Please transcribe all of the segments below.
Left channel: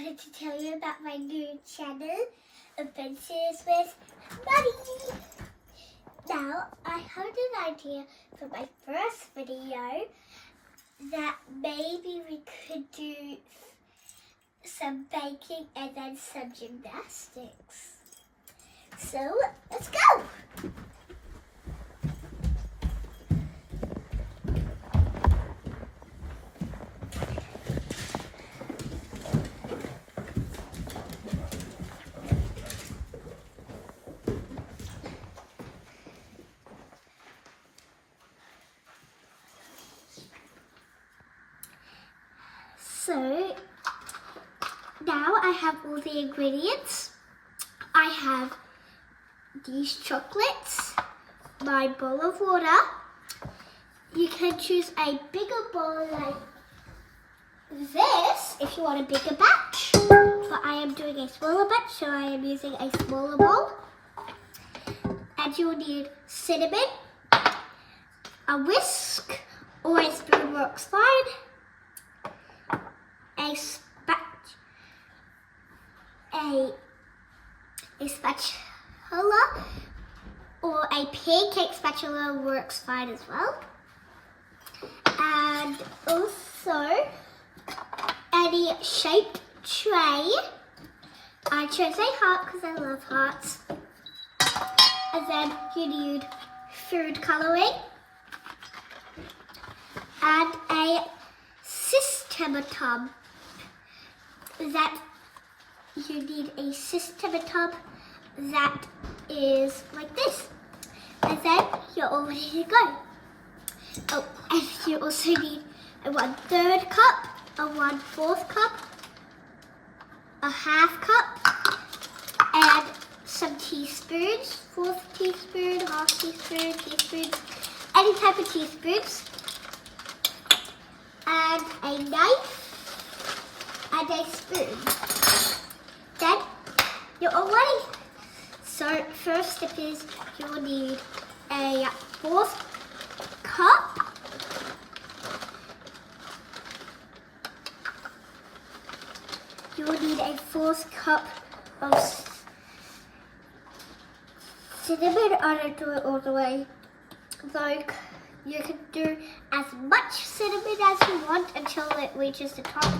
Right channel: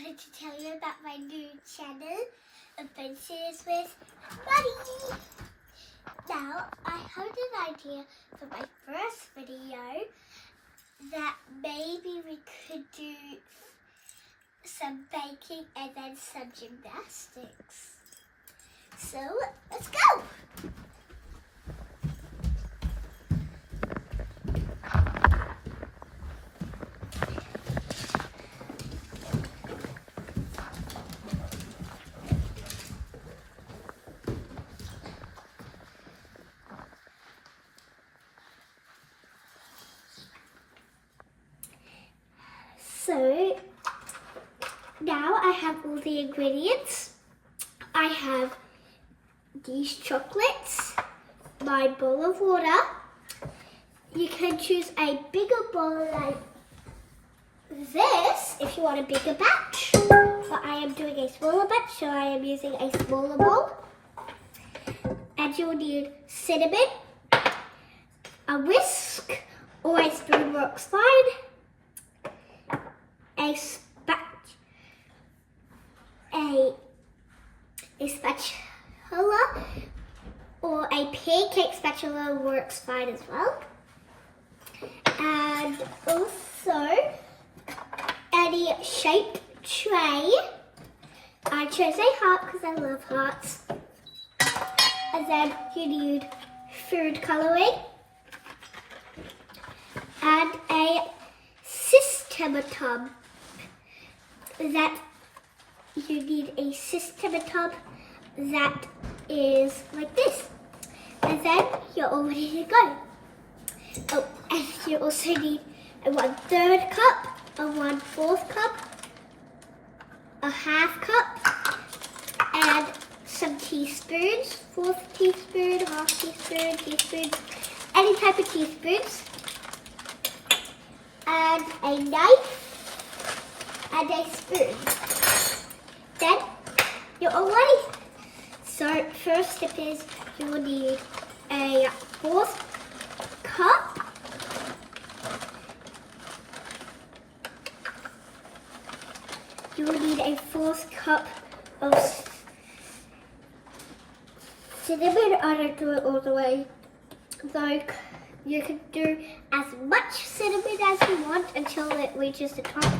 wanted to tell you about my new channel, Adventures with Maddie. Now, I had an idea for my first video that maybe we could do some baking and then some gymnastics. So, let's go! So, now I have all the ingredients. I have these chocolates, my bowl of water. You can choose a bigger bowl like this if you want a bigger batch. But I am doing a smaller batch, so I am using a smaller bowl. And you'll need cinnamon, a whisk, or a spoon works fine. A spatula or a pancake spatula works fine as well. And also any shaped tray. I chose a heart because I love hearts. And then you need food coloring and a system tub. You need a system tub that is like this. And then you're all ready to go. Oh, and you also need a 1/3 cup, a 1/4 cup, a 1/2 cup, and some teaspoons, 1/4 teaspoon, 1/2 teaspoon, teaspoons, any type of teaspoons, and a knife, and a spoon. Then you're all ready. So first step is you will need a 1/4 cup. You will need a 1/4 cup of cinnamon. I don't do it all the way. Like you can do as much cinnamon as you want until it reaches the top.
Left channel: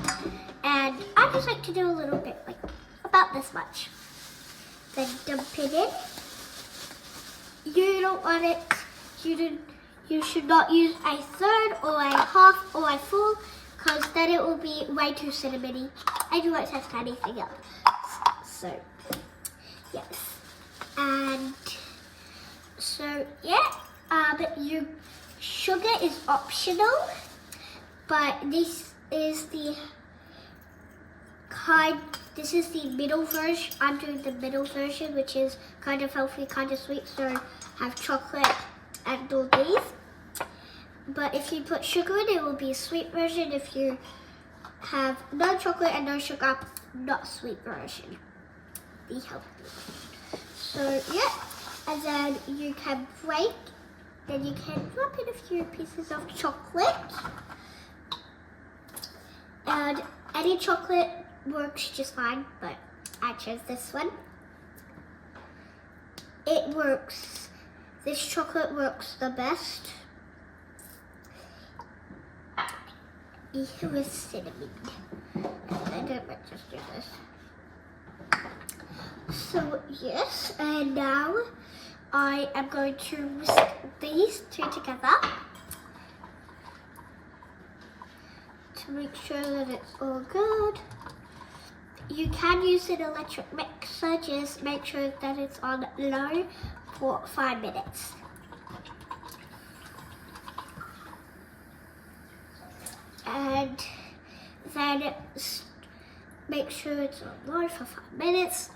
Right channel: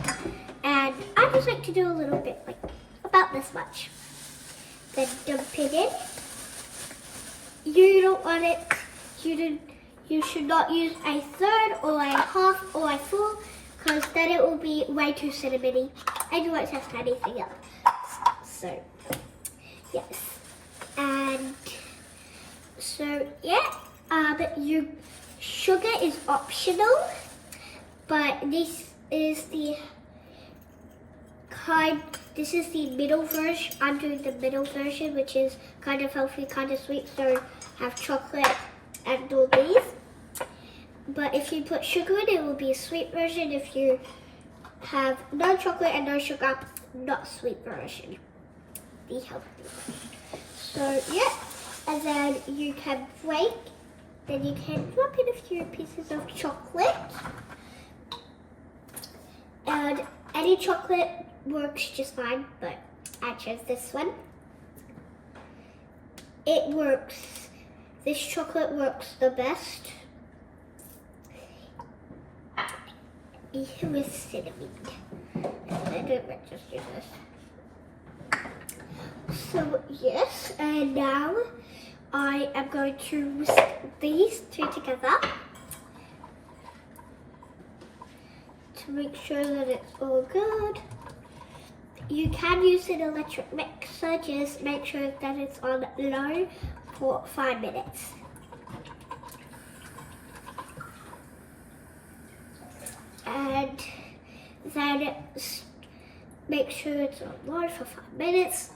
And I just like to do a little bit, like about this much. Then dump it in. You don't want it, you should not use a 1/3 or a 1/2 or a full, because then it will be way too cinnamony and you won't test anything up. So, yes. And so, yeah, your sugar is optional, but this is the middle version. I'm doing the middle version, which is kind of healthy, kind of sweet, so have chocolate and all these. But if you put sugar in, it will be a sweet version. If you have no chocolate and no sugar, not sweet version. Be healthy. So yeah, and then you can break, then you can drop in a few pieces of chocolate. And any chocolate works just fine, but I chose this one. It works, this chocolate works the best with cinnamon. I don't just do this. So yes, and now I am going to whisk these two together to make sure that it's all good. You can use an electric mixer, just make sure that it's on low for 5 minutes. And then make sure it's on low for 5 minutes.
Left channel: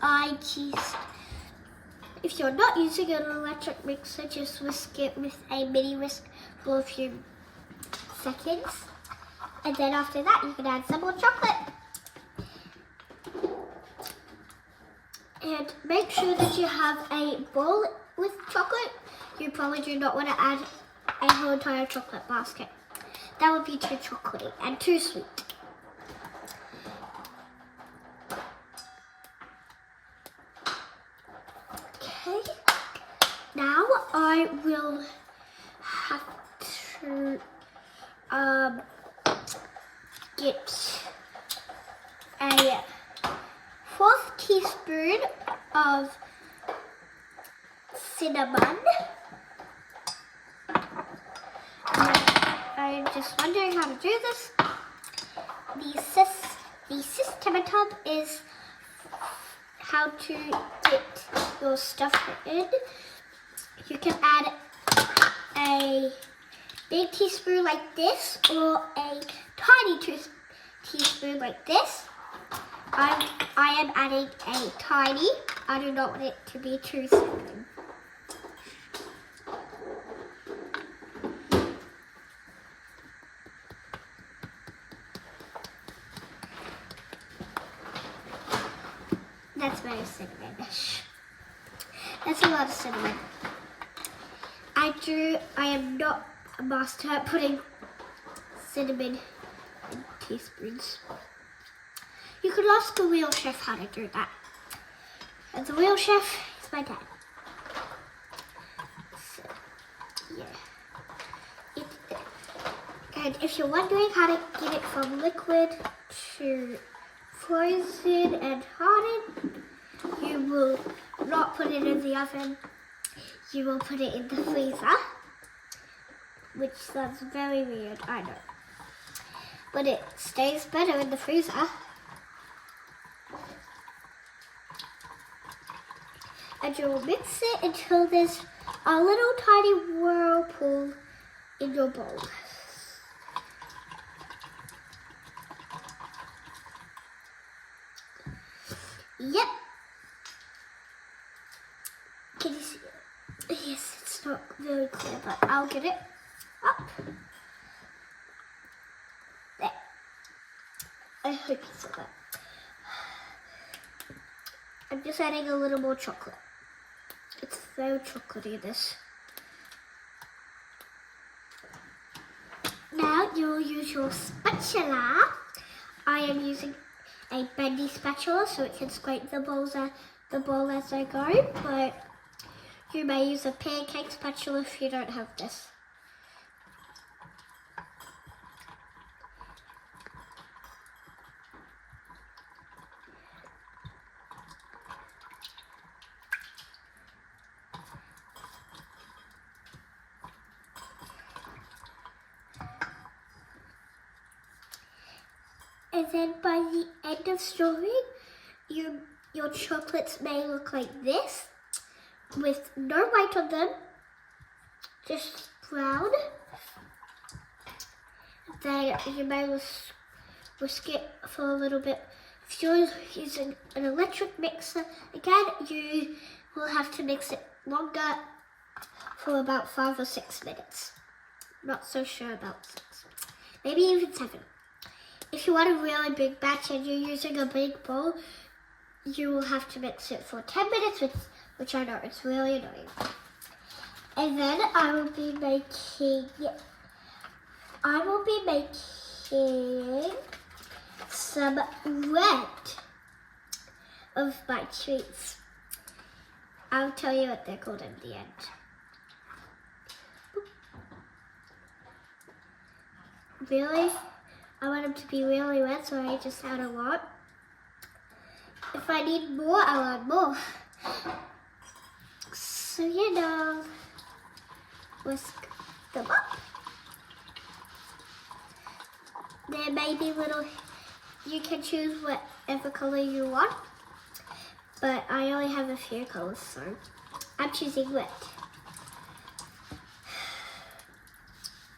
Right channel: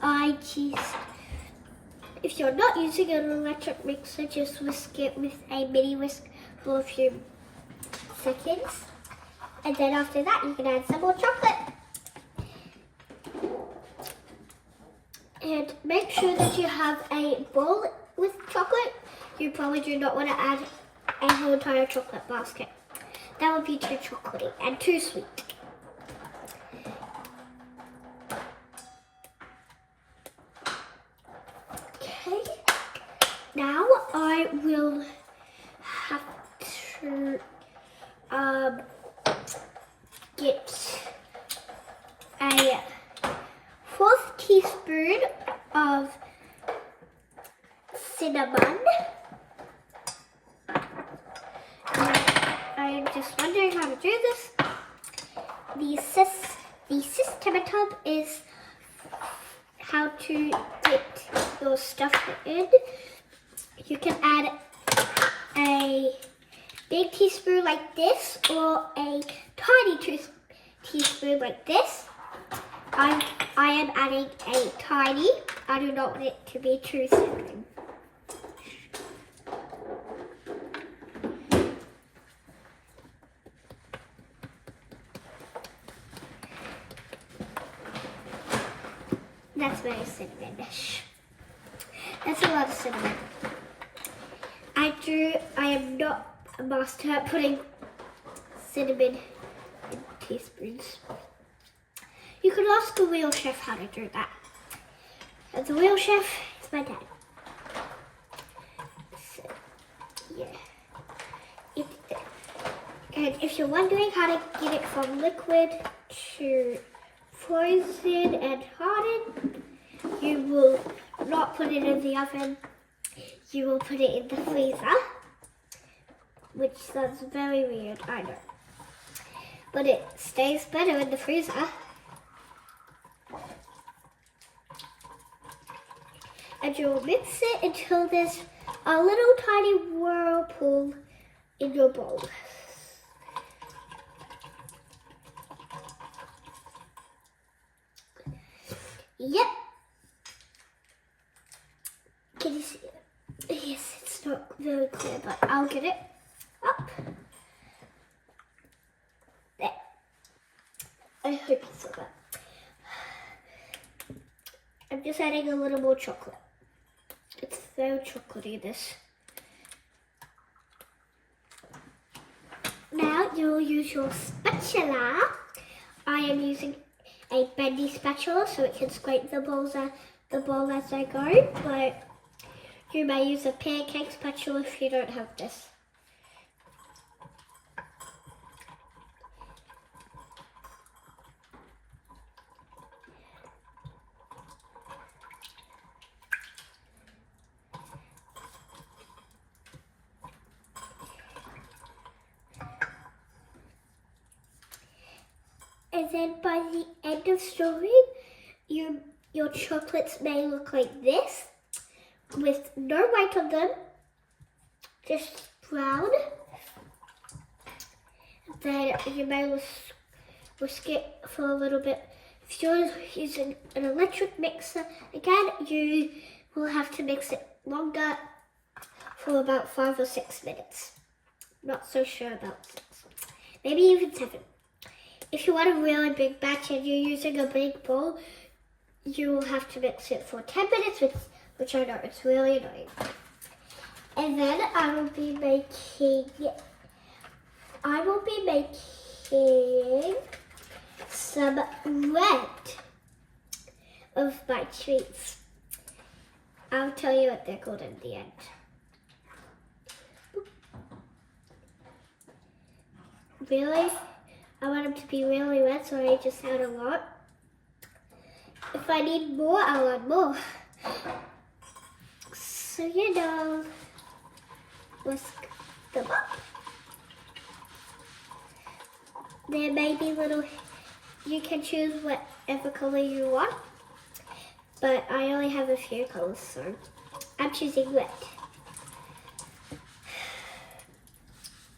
If you're not using an electric mixer, just whisk it with a mini whisk for a few seconds. And then after that, you can add some more chocolate. And make sure that you have a bowl with chocolate. You probably do not want to add a whole entire chocolate basket. That would be too chocolatey and too sweet. I will have to get a 4th teaspoon of cinnamon. I'm just wondering how to do this. The system top is how to get your stuff in. You can add a big teaspoon like this or a tiny teaspoon like this. I am adding a tiny. I do not want it to be too cinnamon. That's very cinnamonish. That's a lot of cinnamon. I am not a master at putting cinnamon in teaspoons. You could ask the real chef how to do that. And the real chef is my dad. So, yeah. And if you're wondering how to get it from liquid to frozen and hardened, you will not put it in the oven. You will put it in the freezer, which sounds very weird, I know. But it stays better in the freezer. And you'll mix it until there's a little tiny whirlpool in your bowl. Yep. Can you see it? Yes, it's not very clear, but I'll get it up. There. I hope you saw that. I'm just adding a little more chocolate. It's very chocolatey, this. Now you'll use your spatula. I am using a bendy spatula so it can scrape the bowl as I go, but you may use a pancake spatula if you don't have this. And then by the end of story, your chocolates may look like this, with no white on them, just brown. Then you may whisk it for a little bit. If you're using an electric mixer, again, you will have to mix it longer for about 5 or 6 minutes. Not so sure about 6, maybe even 7. If you want a really big batch and you're using a big bowl, you will have to mix it for 10 minutes, which I know, it's really annoying. And then I will be making some red of my treats. I'll tell you what they're called in the end. Really? I want them to be really red, so I just add a lot. If I need more, I'll add more. So, whisk them up. There may be little, you can choose whatever color you want, but I only have a few colors, so I'm choosing red.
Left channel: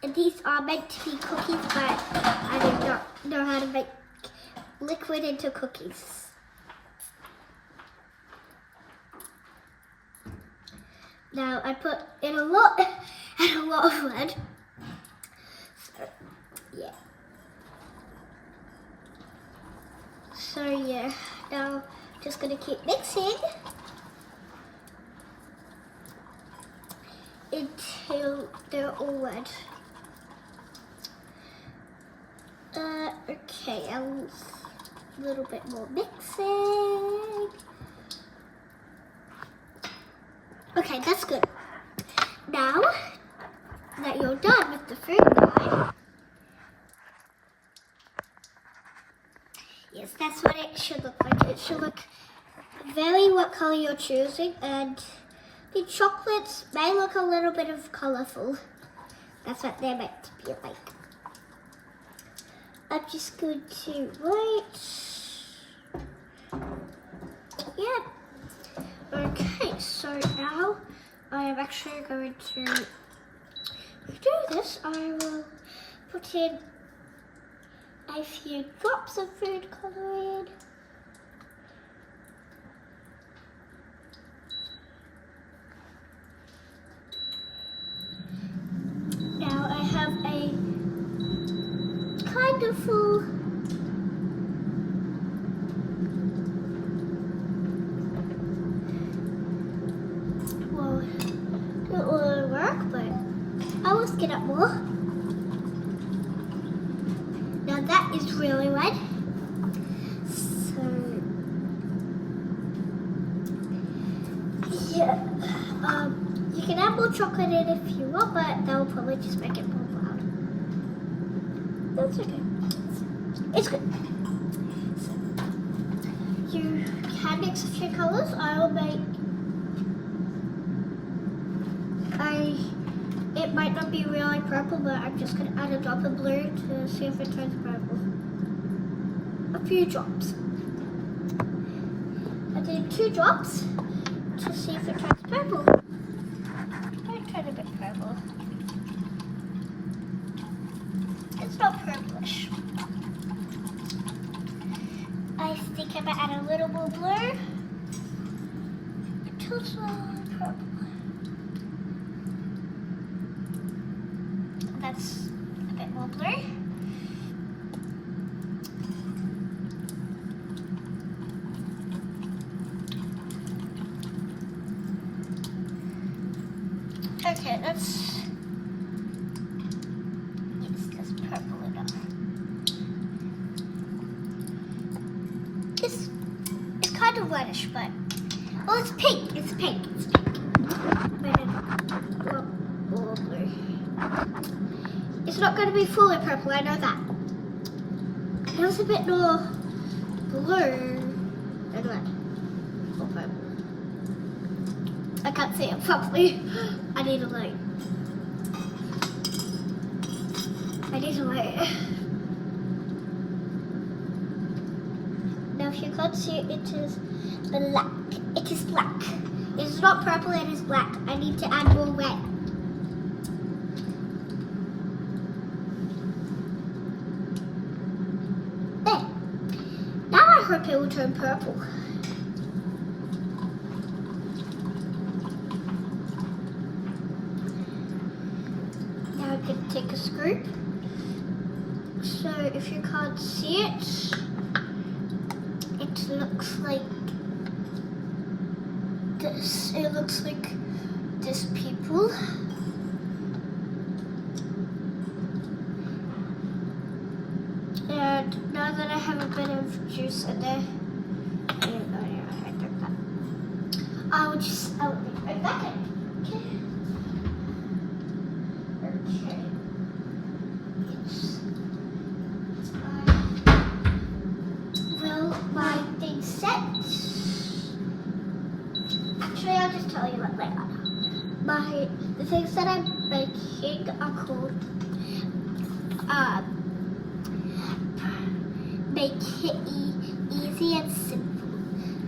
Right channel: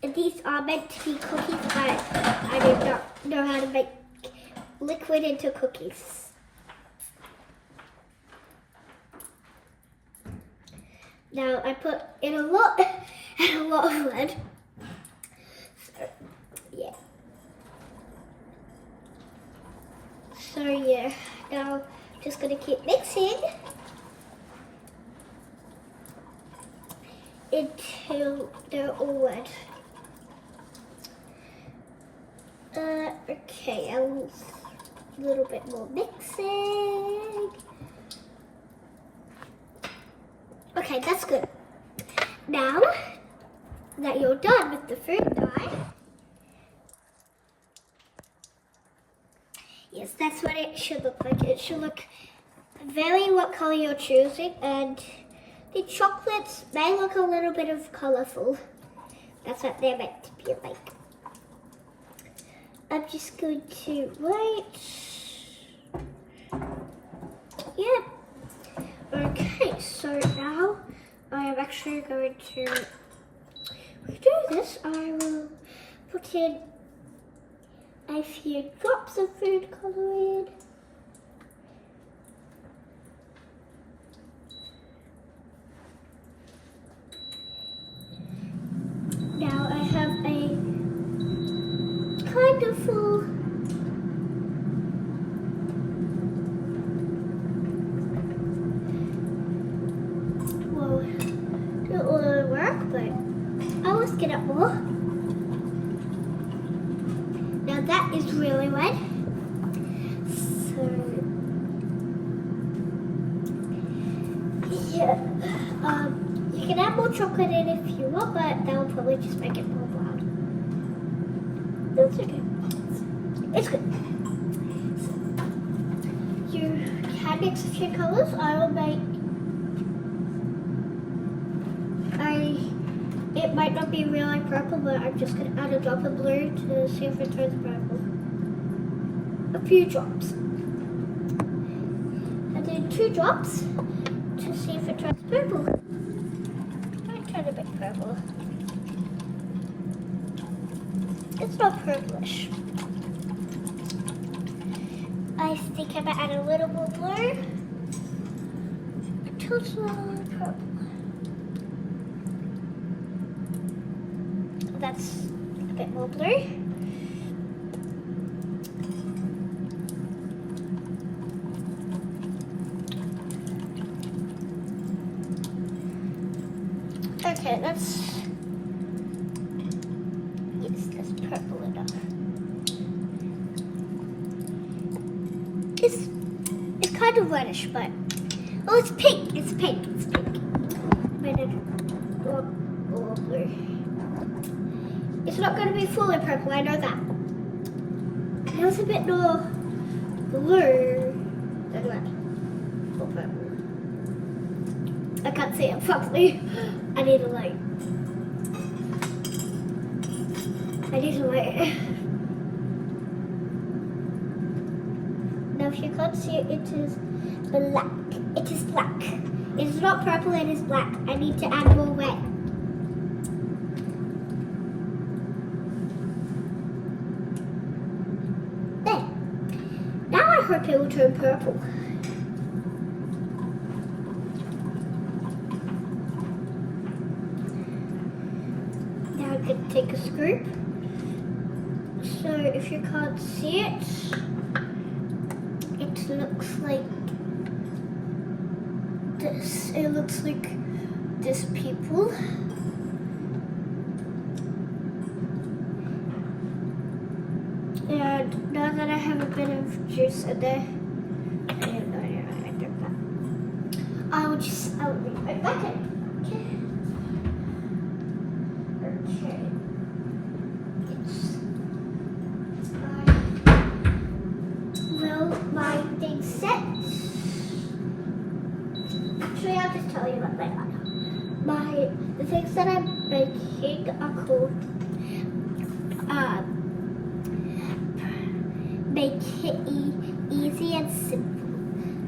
And these are meant to be cookies, but I do not know how to make liquid into cookies. Now I put in a lot of red. So yeah. Now just gonna keep mixing until they're all red. Okay, a little bit more mixing. Okay, that's good. Now that you're done with the fruit pie, yes, that's what it should look like. It should look very what color you're choosing, and the chocolates may look a little bit of colorful. That's what they're meant to be like. I'm just going to wait. Yeah. Okay, so now I am actually going to do this. I will put in a few drops of food coloring. Now I have a kind of full well, it will work, but I'll just get up more. Now that is really wet. So yeah, you can add more chocolate in if you want, but that will probably just make it more loud. That's okay. It's good. So, you can mix a few colors. I will make. It might not be really purple, but I'm just going to add a drop of blue to see if it turns purple. A few drops. And then 2 drops to see if it turns purple. Might turn a bit purple. It's not purplish. I think I might add a little more blue until it's a little purple. That's a bit more blue. Okay, that's purple enough. It's kind of reddish, but oh, it's pink. It's pink. It's pink. More blue. It's not going to be fully purple, I know that. It was a bit more blue than red or purple. I can't see it properly. I need a light. Now if you can't see it, it is black. It is black. It is not purple, it is black. I need to add more red. I hope it will turn purple. Now I'm going to take a scoop. So if you can't see it, it looks like this. It looks like this, people. And now that I have a bit of juice in there, I'll be right back in. Okay. Well, my thing's set. Actually, I'll just tell you what they are. The things that I'm making are called make it easy and simple.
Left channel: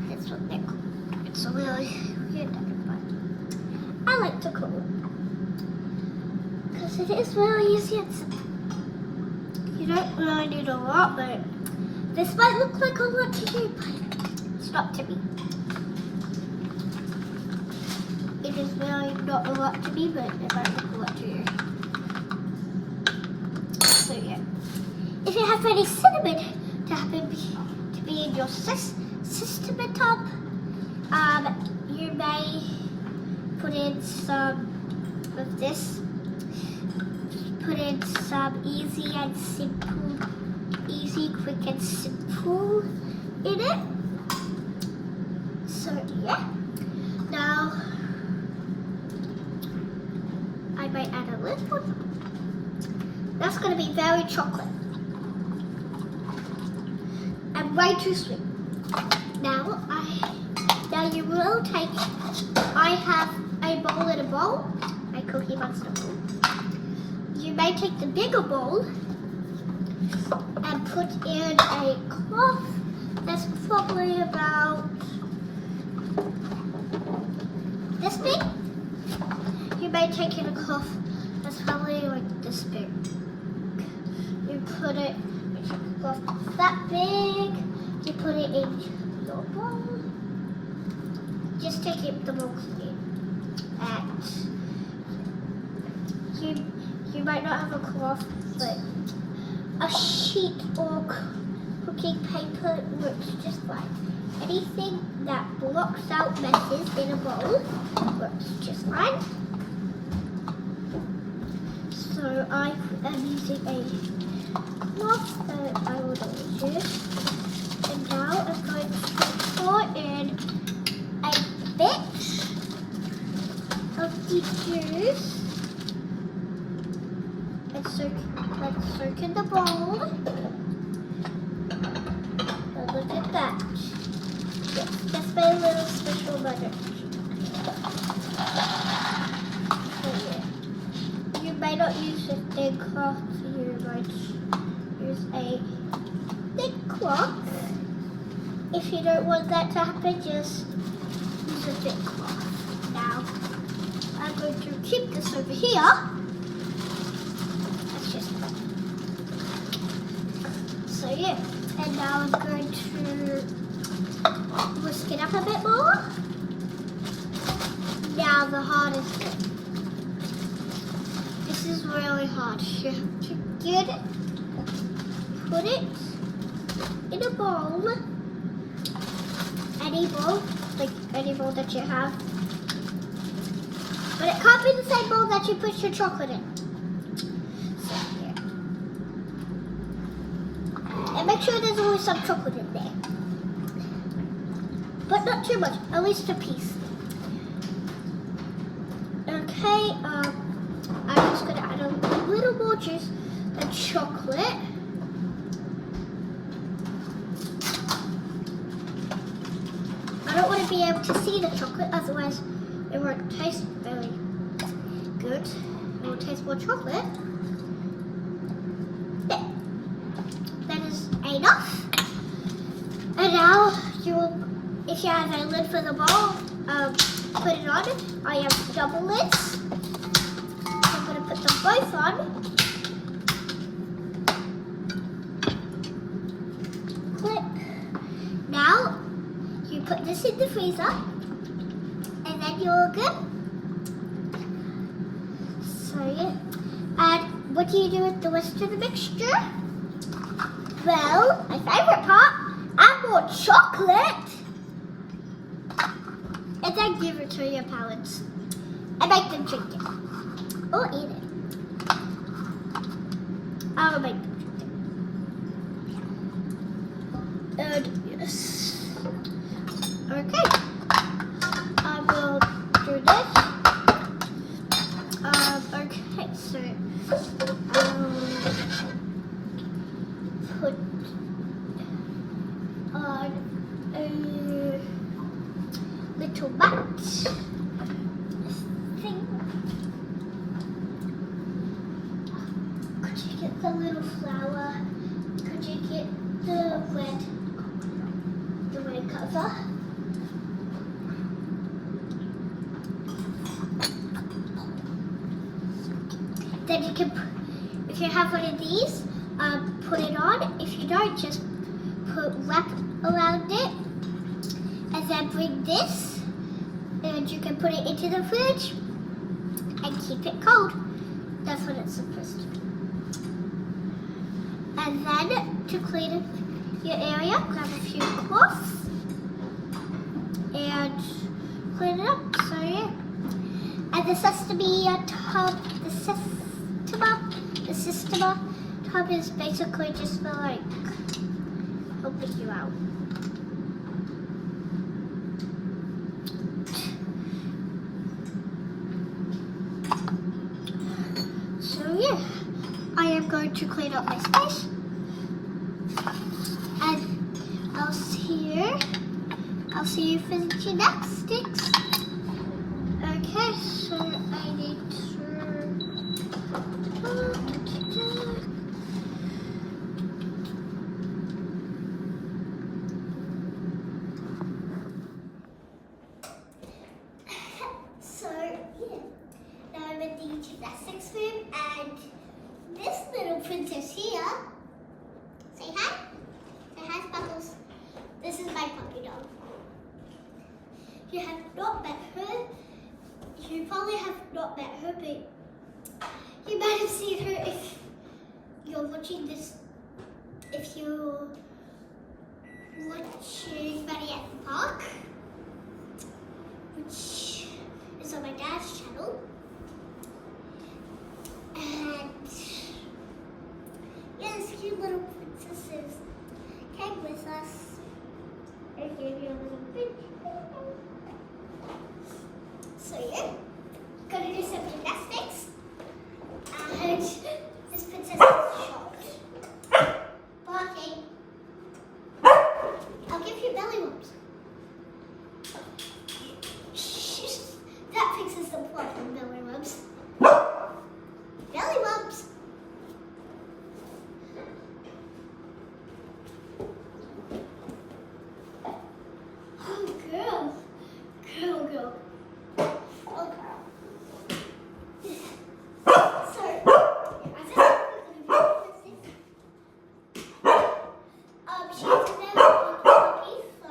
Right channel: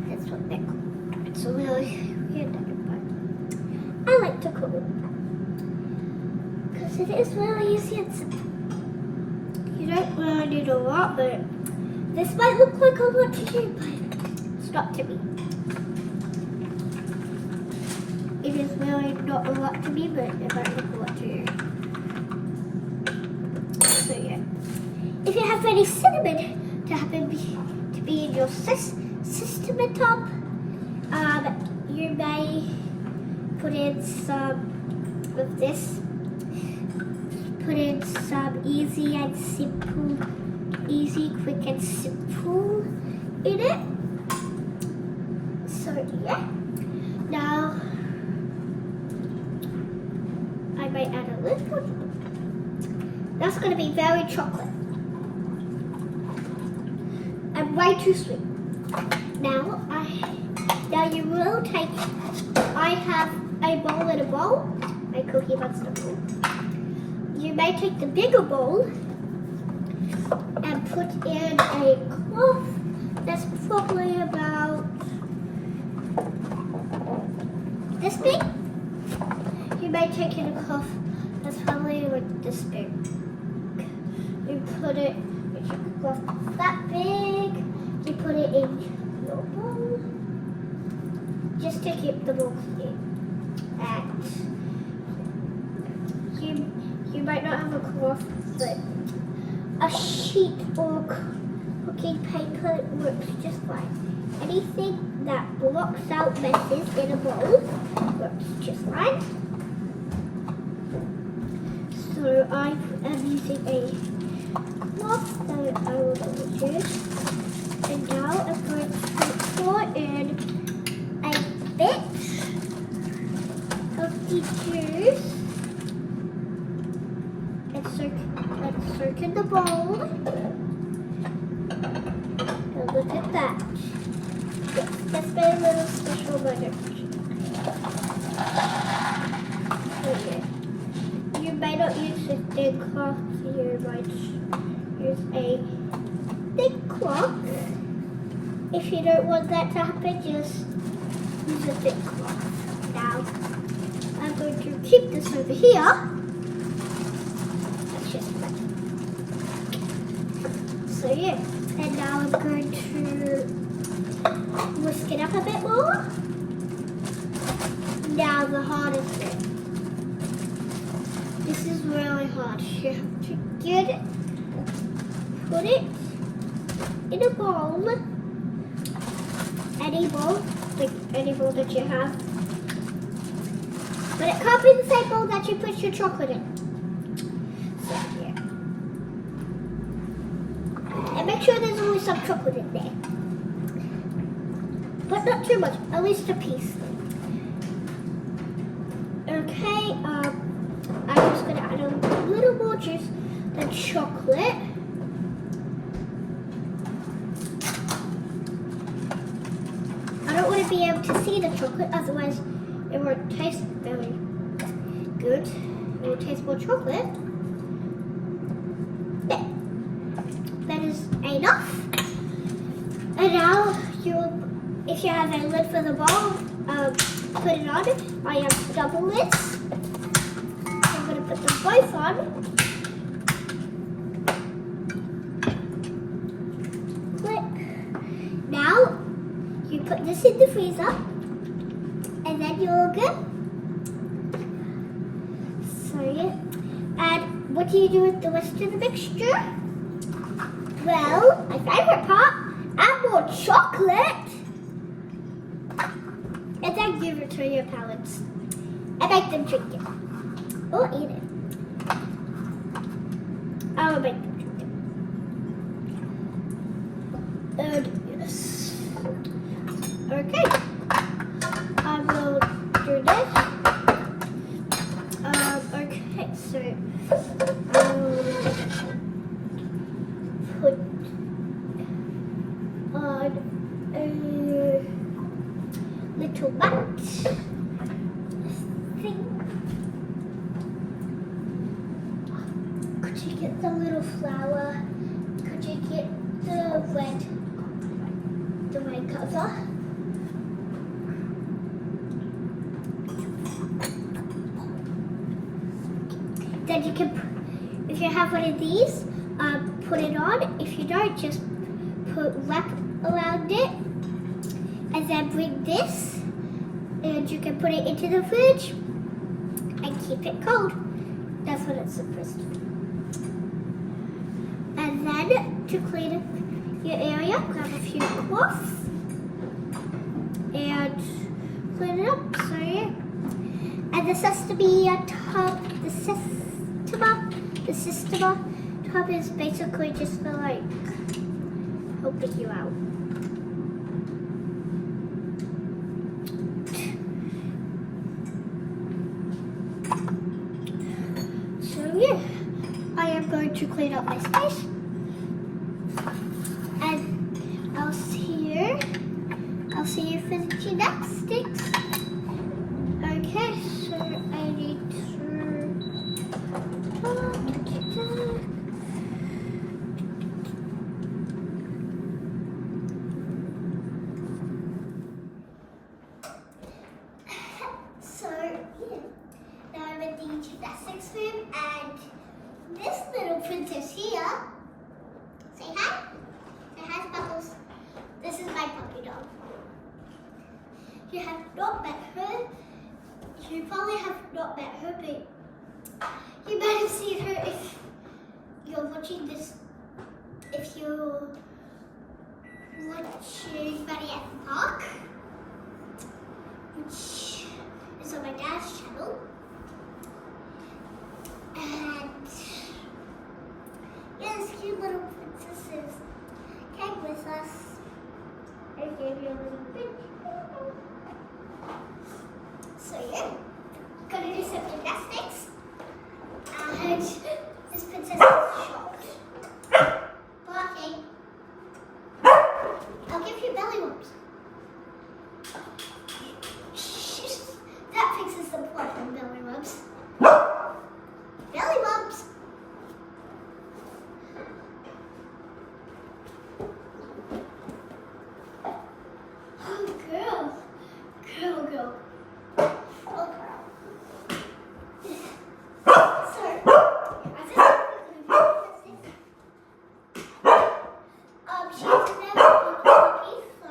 That's what they're called. It's a really weird name, but I like to call it because it is really easy and simple. You don't really need a lot, but this might look like a lot to you, but it's not to me. It is really not a lot to me, but it might look a lot to you. So yeah, if you have any cinnamon to be in your system at top, you may put in some of this. Put in some easy, quick and simple in it. So yeah, now may add a little bit. That's going to be very chocolate. And way too sweet. Now you will take, I have a bowl in a bowl, a Cookie Monster bowl. You may take the bigger bowl and put in a cloth that's probably about this big. You may take in a cloth that's probably like this big. You put it, make your cloth that big. You put it in your bowl, just to keep the bowl clean. And you might not have a cloth, but a sheet or cooking paper works just fine. Anything that blocks out messes in a bowl works just fine. So I am using a cloth that I would always use. And now I'm going to pour in a bit of the juice and soak in the bowl. And look at that. That's my little special butter. So yeah. You may not use a thin cloth, you might use a thick cloth. If you don't want that to happen, just use a thick cloth. Now, I'm going to keep this over here. That's just fun. So yeah, and now I'm going to whisk it up a bit more. Now the hardest bit. This is really hard. You have to get it, put it in a bowl. Any bowl, like any bowl that you have. But it can't be the same bowl that you put your chocolate in. So, yeah. And make sure there's always some chocolate in there. But not too much, at least a piece. Okay, I'm just gonna add a little more juice than chocolate. I don't want to be able to see the chocolate, otherwise it won't taste very good. It will taste more chocolate. There. That is enough. And now if you have a lid for the bowl, put it on. I have double lids. I'm going to put them both on. Click. Now, you put this in the freezer, and then you're good. So yeah. And what do you do with the rest of the mixture? Well, my favorite part, add more chocolate. And then give it to your parents. And make them drink it. Or eat it. I will make them drink it. And yes. Okay. I will do this. Okay, so I will put on a little mat thing. Could you get the little flower? Could you get the red cover? Then you can, if you have one of these, put it on. If you don't, just put wrap around it. And then bring this, and you can put it into the fridge and keep it cold. That's what it's supposed to do. And then to clean up your area, grab a few cloths and clean it up. So yeah. And the sesame tub, the sesame tub is basically just for like helping you out. yeah, I am going to clean up my space. And I'll see you for the gymnastics. Okay, so I need So, yeah, now I'm in the gymnastics room, and this little princess here, say hi. Say hi, Sparkles. This is my puppy dog. You have not met her. You probably have not met her, but you might have seen her if you're watching this. If you're watching Maddie at the Park, which is on my dad's channel. And yeah, these cute little princesses came with us. I gave you a little bit. So yeah, gonna do some gymnastics. And this princess is short. Barking. I'll give you belly rubs. That fixes the problem, belly rubs. Belly rubs. Oh, girl. Girl. Oh, girl. She's never cookie, so.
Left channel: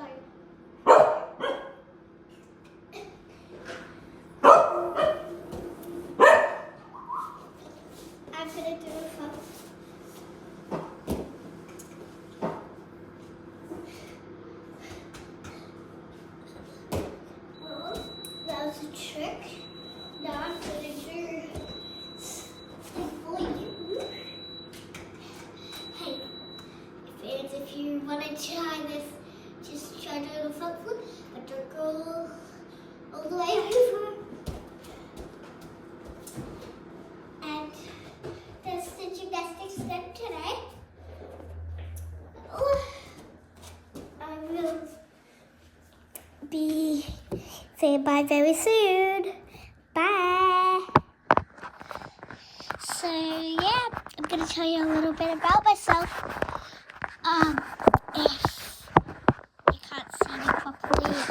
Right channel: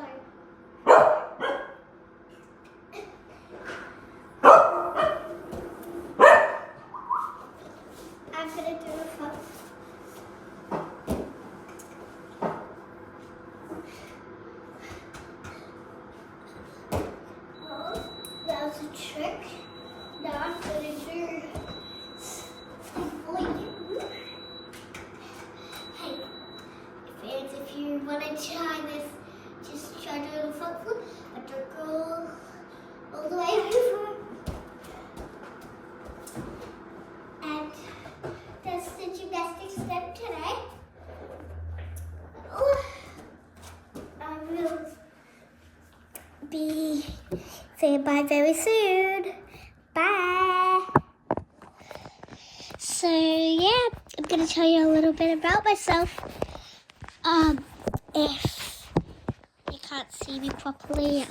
I'm gonna do it first. Oh, that was a trick. Now I'm gonna do something for you. Hey, if you want to try this, just try to do the front foot, but don't go all the way over. And that's the gymnastics done today. Oh, I will be saying bye very soon. Bye. So yeah, I'm gonna tell you a little bit about myself. If you can't see me properly,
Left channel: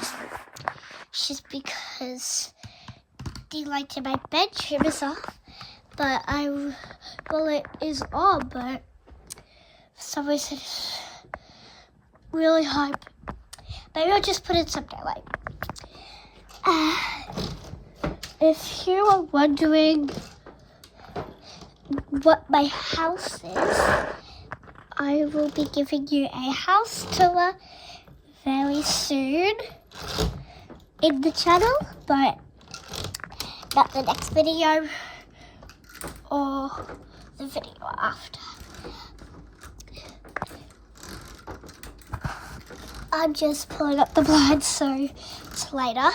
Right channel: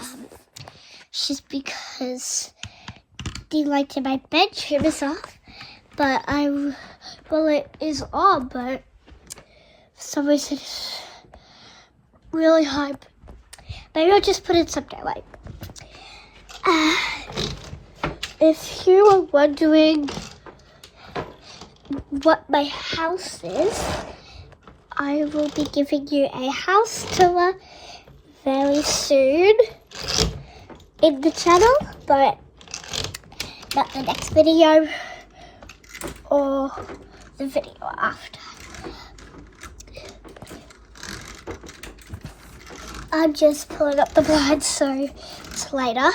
it's just because the light in my bedroom is off. But it is on, but for some reason it's really hard. Maybe I'll just put in some daylight. If you are wondering what my house is, I will be giving you a house tour very soon in the channel, but not the next video or the video after. I'm just pulling up the blinds so it's later.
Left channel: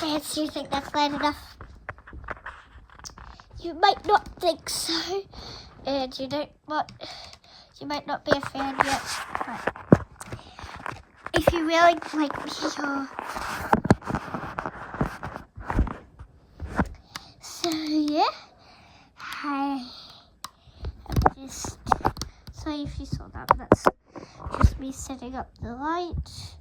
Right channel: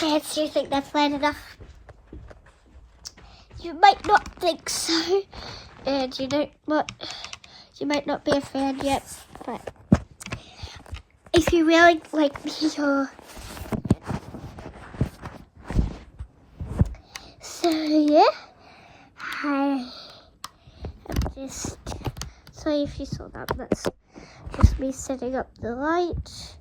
And do you think that's light enough? You might not think so, and you might not be a fan yet, but if you really like me, so yeah, I am just, sorry if you saw that, that's just me setting up the light.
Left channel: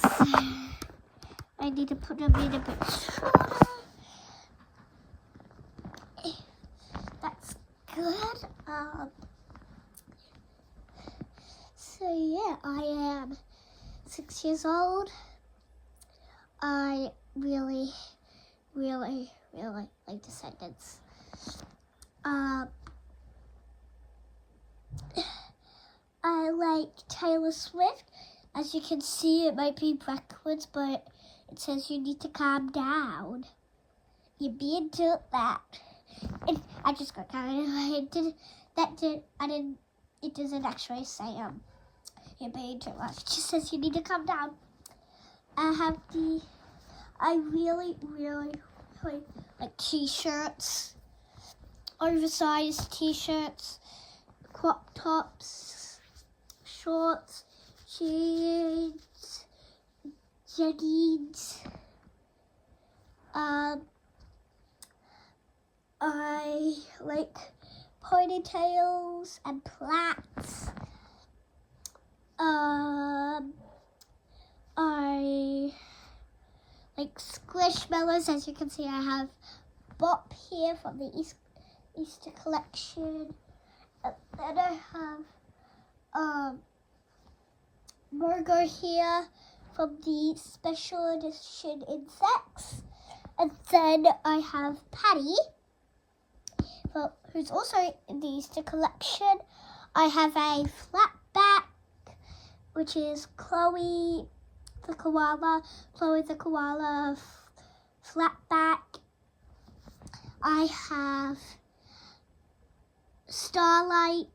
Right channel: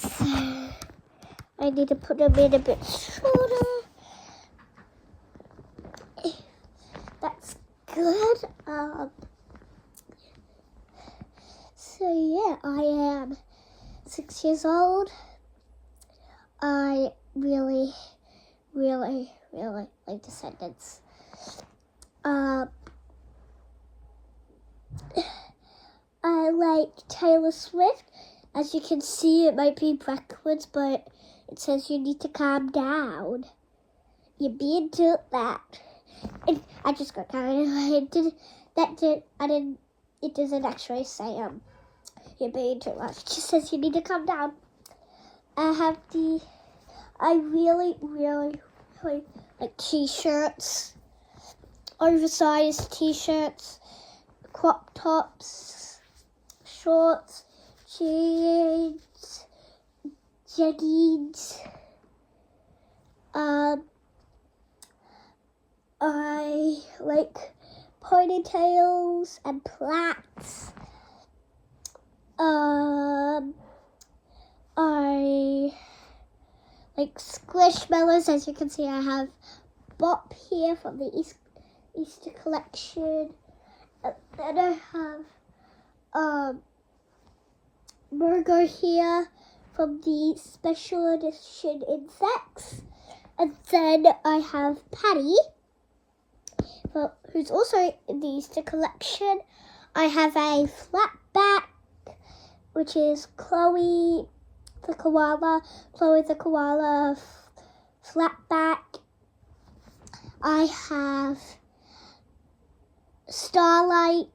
So I need to put them in a bit shorter. That's good. So yeah, I am 6 years old. I really like Descendants. I like Taylor Swift. As you can see, it might be backwards, but it says you need to calm down. You're being told that. And I just got carried away. It doesn't actually say, you're being too much. It just says you need to calm down. I really like t-shirts, oversized t-shirts, crop tops, shorts, jeans, jeggings. I like ponytails and plaits. I like squishmallows. As you can see, I have Bop here from the Easter collection. And then I have Burger here from the special edition insects. And then I have Patty, who's also in the Easter collection. I have a flatback, which is Chloe the koala flatback. I have Starlight,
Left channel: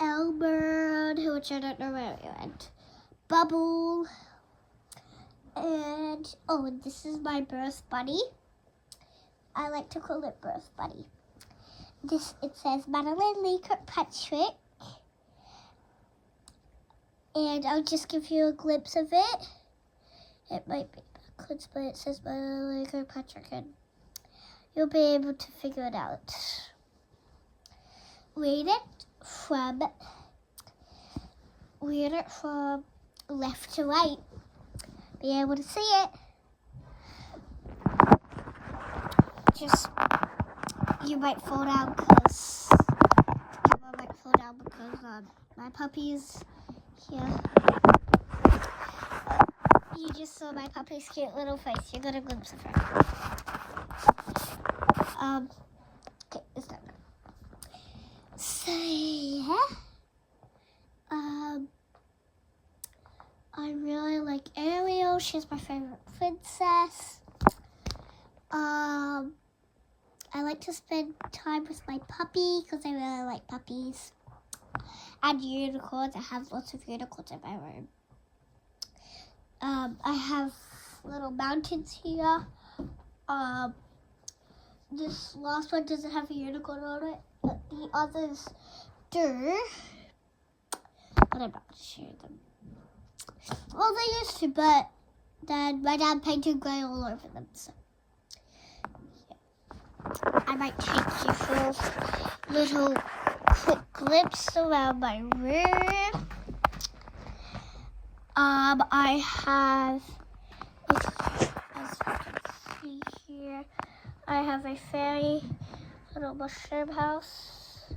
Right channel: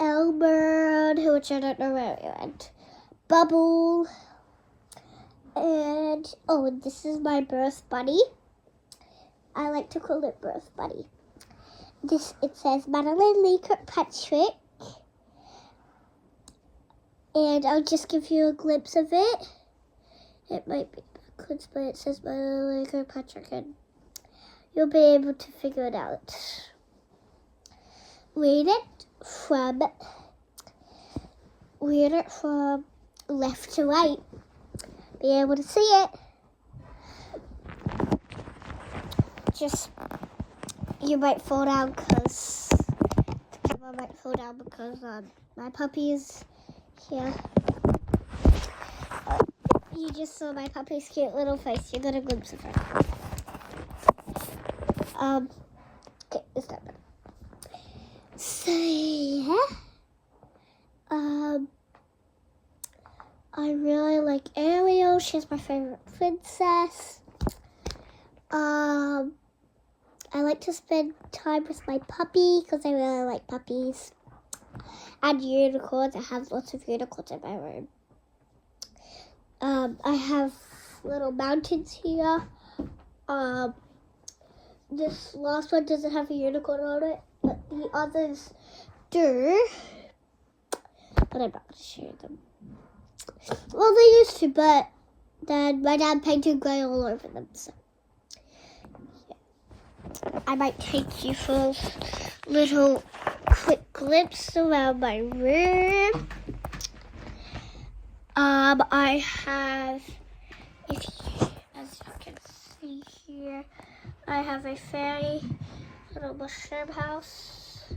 Elbird, which I don't know where it went, Bubble, and this is my birth bunny. I like to call it birth bunny. It says Madeline Kirkpatrick, and I'll just give you a glimpse of it. It might be backwards, but it says Madeline Kirkpatrick, and you'll be able to figure it out. Read it from left to right. Be able to see it. You might fall down because the camera might fall down because my puppy is here. You just saw my puppy's cute little face. You got a glimpse of her. Okay, it's done. So yeah, I really like Ariel. She's my favorite princess. I like to spend time with my puppy because I really like puppies. And unicorns. I have lots of unicorns in my room. I have little mountains here. This last one doesn't have a unicorn on it, but the others do. But I'm not sure them. Well, they used to, but then my dad painted grey all over them, so I might take you for a little quick glimpse around my room. I have, as you can see here, I have a fairy little mushroom house.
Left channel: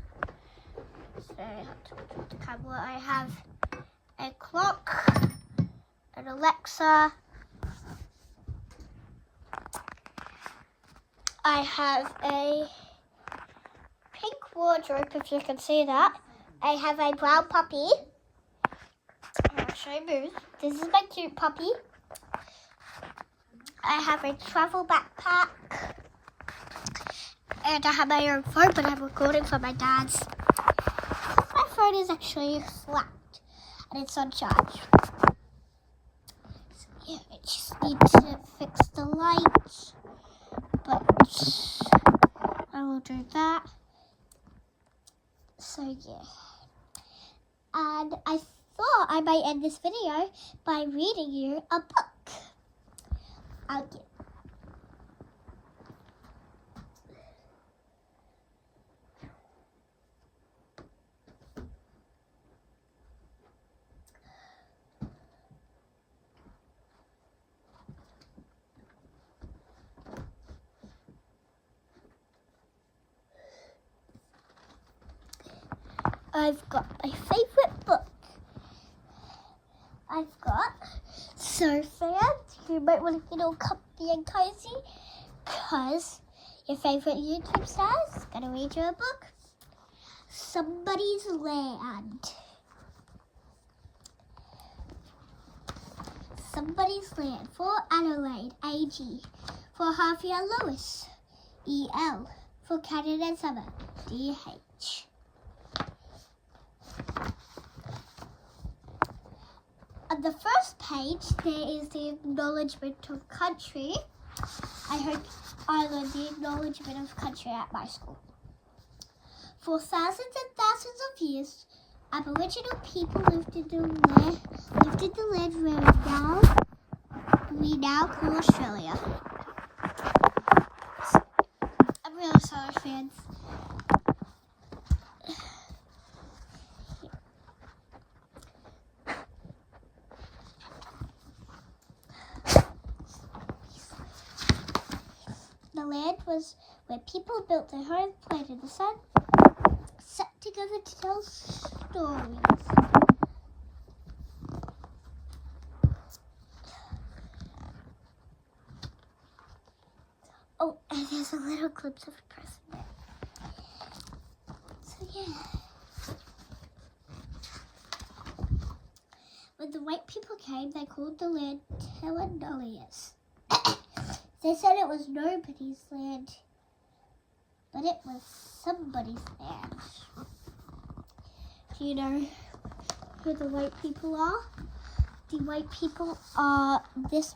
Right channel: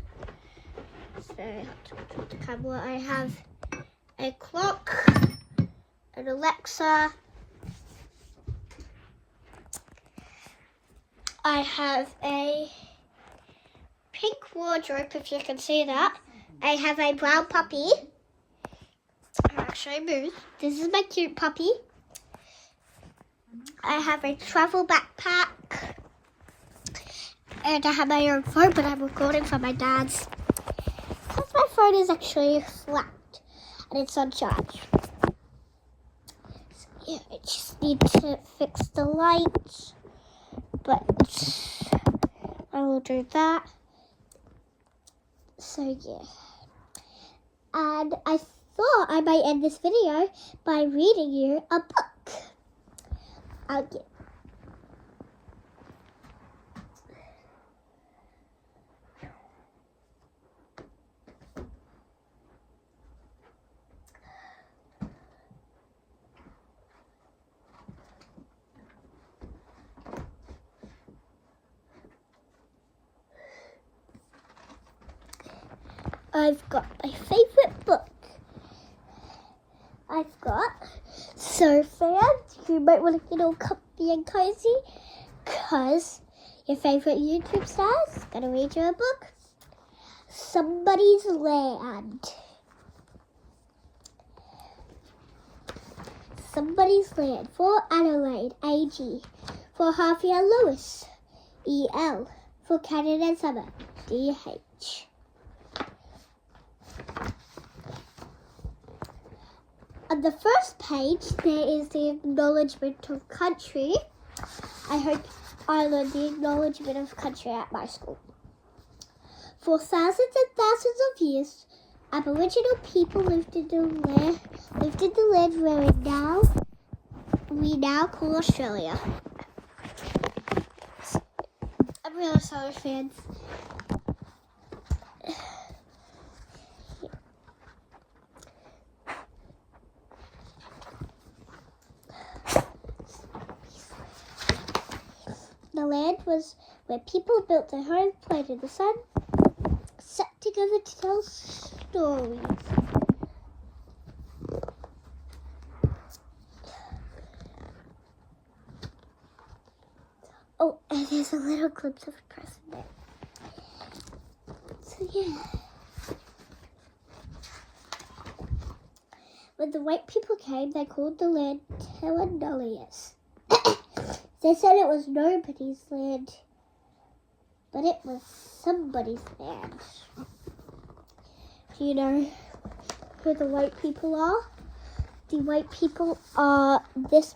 So I have to put the camera. I have a clock, an Alexa. I have a pink wardrobe, if you can see that. I have a brown puppy. I'll actually move. This is my cute puppy. I have a travel backpack. And I have my own phone, but I'm recording from my dad's. Because my phone is actually flat and it's on charge. So yeah, I just need to fix the light. But I will do that. So yeah. And I thought I might end this video by reading you a book. Okay. I've got my favorite book. I've got So fans, you might want to get all comfy and cozy because your favorite YouTube star is going to read you a book. Somebody's Land. Somebody's Land for Adelaide, AG. For Harvia Lewis, EL. For Canada Summer, DH. On the first page, there is the acknowledgement of country. I hope I learned the acknowledgement of country at my school. For thousands and thousands of years, Aboriginal people lived in the land where we now call Australia. I'm really sorry, fans. The land was where people built their homes, played in the sun, sat together to tell stories. Oh, and there's a little glimpse of a person there. So yeah. When the white people came, they called the land Telenolius. They said it was nobody's land, but it was somebody's land. Do you know who the white people are? The white people are the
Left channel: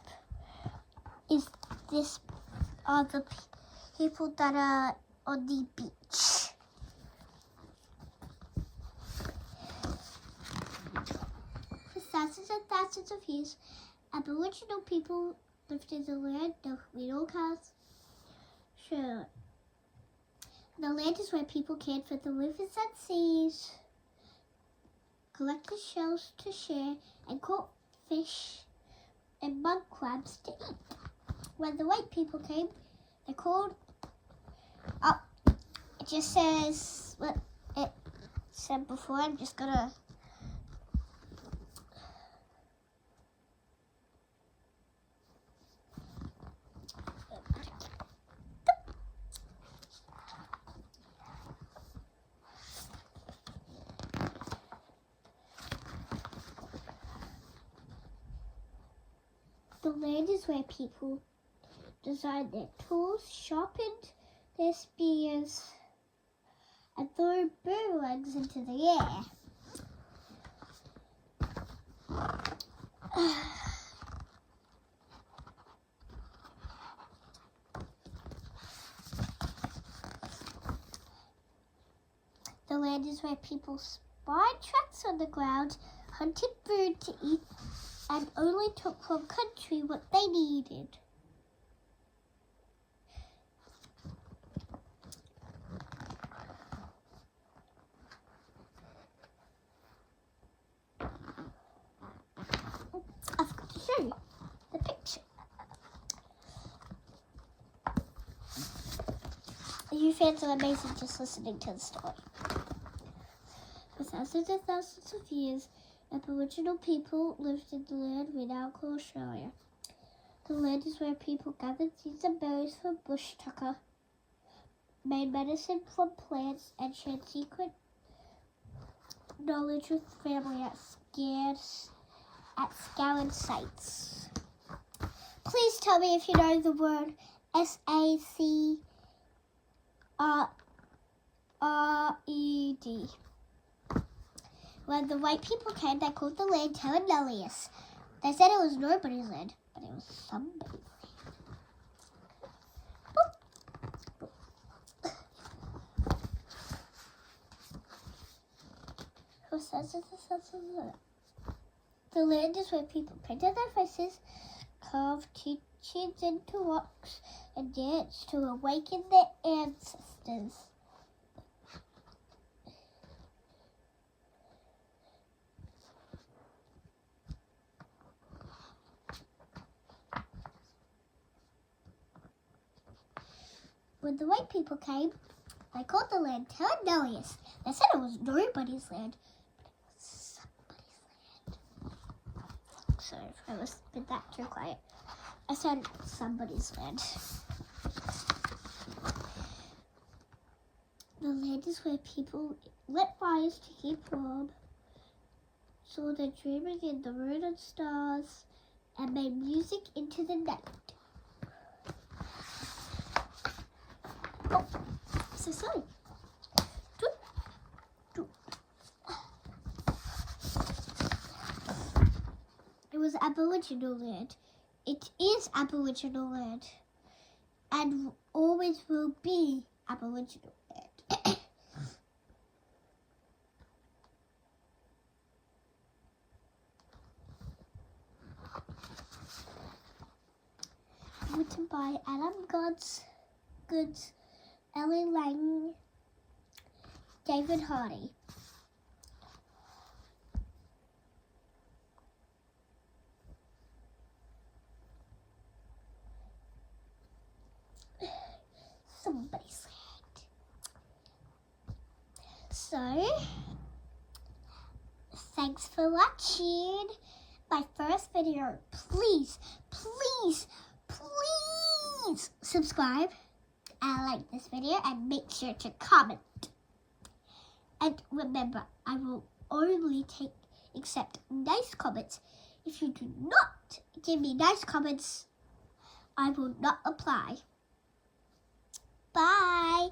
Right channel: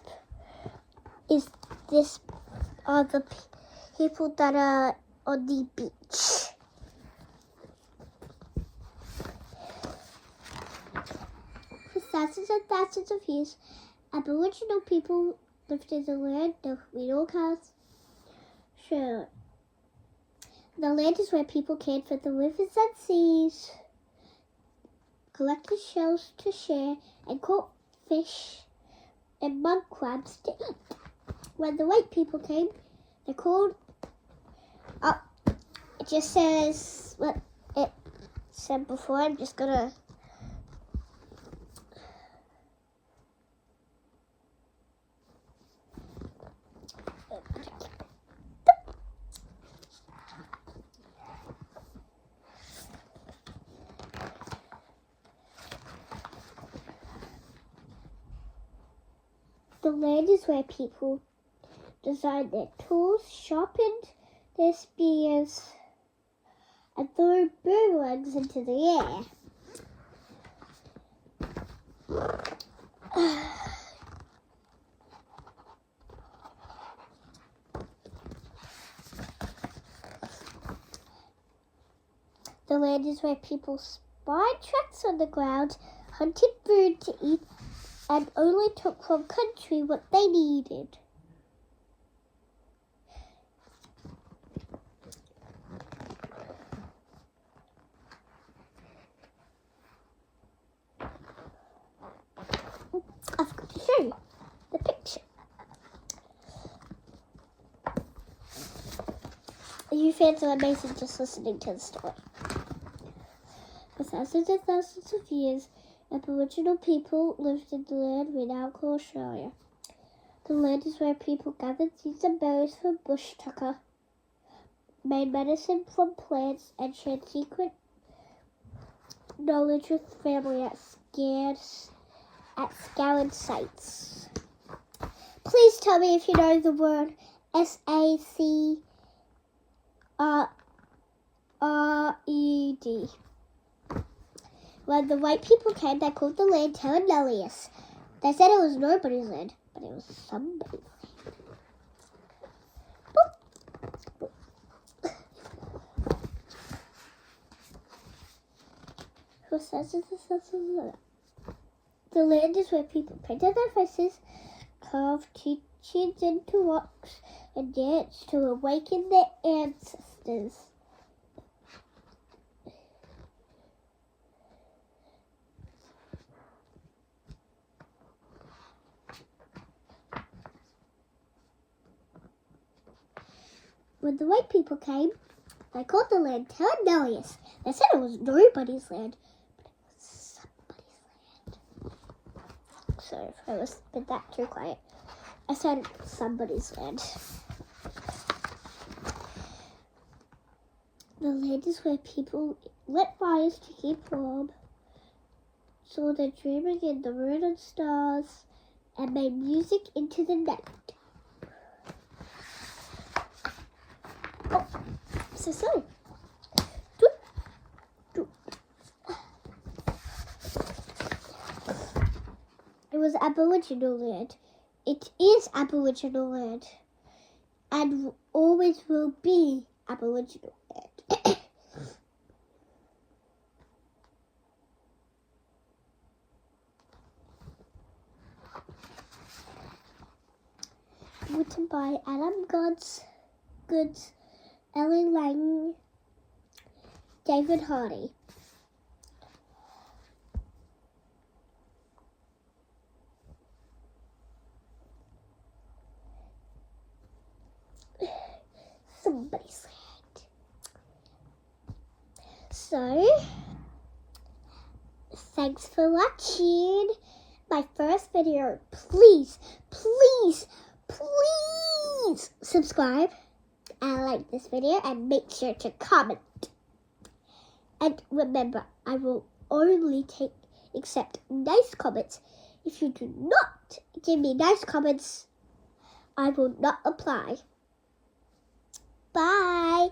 people that are on the beach. For thousands and thousands of years, Aboriginal people lived in the land of Middlecast. Sure. The land is where people cared for the rivers and seas, collected shells to share, and caught fish and mud crabs to eat. When the white people came, they called up. It just says what it said before. I'm just gonna. The land is where people designed their tools, sharpened their spears, and threw boomerangs into the air. The land is where people spied tracks on the ground, hunted food to eat, and only took from country what they needed. I've got to show you the picture. You fans are amazing just listening to the story. For thousands and thousands of years, Aboriginal people lived in the land we now call Australia. The land is where people gathered seeds and berries from bush tucker, made medicine from plants, and shared secret knowledge with family at scoured sites. Please tell me if you know the word SACRED. When the white people came, they called the land Telenolius. They said it was nobody's land, but it was somebody's land. The land is where people painted their faces, carved teachings into rocks, and danced to awaken their ancestors. When the white people came, they called the land Telenolius. They said it was nobody's land, but it was somebody's land. Sorry if I was a bit that too quiet. I said somebody's land. The land is where people lit fires to keep warm, saw their dreaming in the moon and stars, and made music into the night. Oh, so silly. It was Aboriginal land. It is Aboriginal land. And always will be Aboriginal land. Written by Adam Goods, Ellie Lang, David Hardy. Somebody said. So, thanks for watching my first video. Please subscribe and like this video and make sure to comment. And remember, I will only accept nice comments. If you do not give me nice comments, I will not apply. Bye.